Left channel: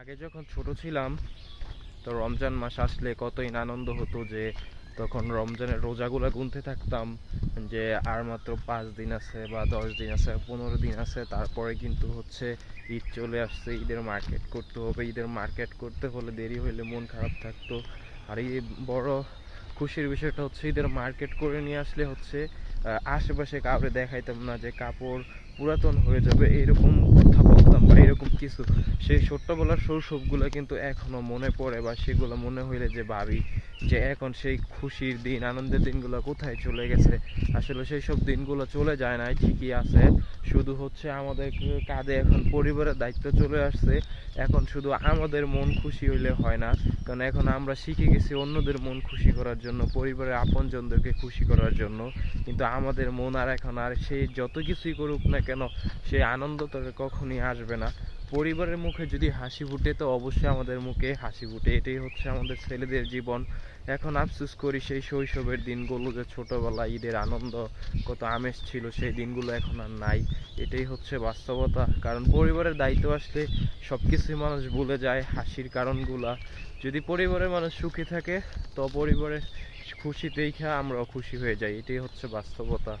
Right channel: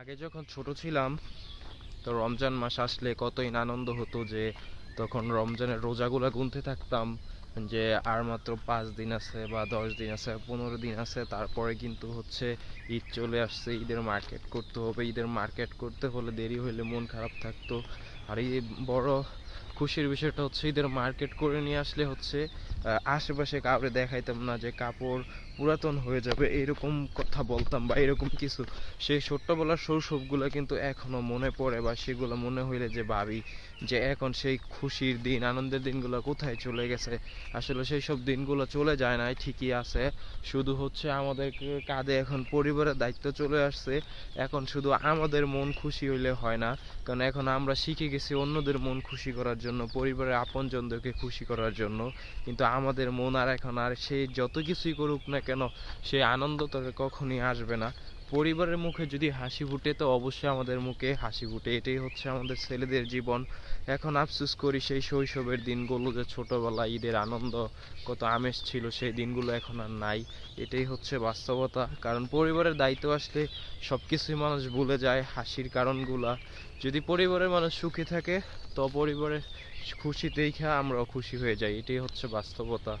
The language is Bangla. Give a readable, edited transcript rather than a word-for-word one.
আগে যখন ছোট ছিলাম তো রমজান মাস আসলে কতই না আনন্দ হতো যে তখন রমজানের রোজাগুলা গুনতে থাকতাম যে আর মাত্র 5 দিন আছে বা 10 দিন আছে 15 দিন আছে তারপরে কিন্তু হচ্ছে ঈদ চলে আসছে, ঈদের মার্কেট করতে হবে, ঈদের মার্কেট করতে হলে দেরি হইলে মন খারাপ থাকতো। আর এই বড় খুশির বিষয়টা হচ্ছে ঈদের মার্কেট করে নিয়ে আসলে হচ্ছে আশেপাশে কাউরে দেখাইতাম না যে কাপড় পুরাতন হয়ে যাবে এরকম কথা বলতাম বা এরকম কিছু। সেই ছোট্টবেলার শৈশবগুলো কিন্তু এখনো মনে পড়ে বা সেগুলো মনে হইলে যে ভাবি যে এখন সেই খুশির দিন আনন্দের দিনগুলো কোথায় চলে গেছে। আসলে সেই সব দিনগুলো চলে যায় নাই, ঠিকই আছে, শুধু হচ্ছে আমাদের কাঁধে এখন পরিবারের দায়িত্ব চলে আসছে। এখন শুধু আমাদের মন খুশি হইলে হয় না, কারণ এখন আমরা শিখে গেছি অন্যদের মন খুশি করার জন্য, পরিবারের আপনজনদেরকে খুশি করার জন্য। কিন্তু আমাদের মন আর এখন আর সে যত কিছুই করুক না কেন সেই আনন্দ তো কখনই আসবে না। পরিবারের মুখে যদি হাসি ফুটে তো অবশ্যই আমাদের মুখে হাসি ফুটে, এটাই হচ্ছে আমাদের ছেলেদের জীবন। এখন আফসোস করি সেই শৈশবের দিনগুলো, যে ছোটবেলা ঈদের আনন্দ কত আমেজ ছিল সেই দিনগুলো এখন আর নাই। এটাই হচ্ছে বাস্তবতা, কারণ পরিবারের দায়িত্ব আসলে সবকিছুই মানুষ ভুলে যায়, হাসির কারণগুলা। যদি পরিবারের মানুষ সুখী থাকে তো পরিবারের খুশি দেখে আমরাও খুশি হয়ে যাই, এটাই হচ্ছে বাস্তবতা।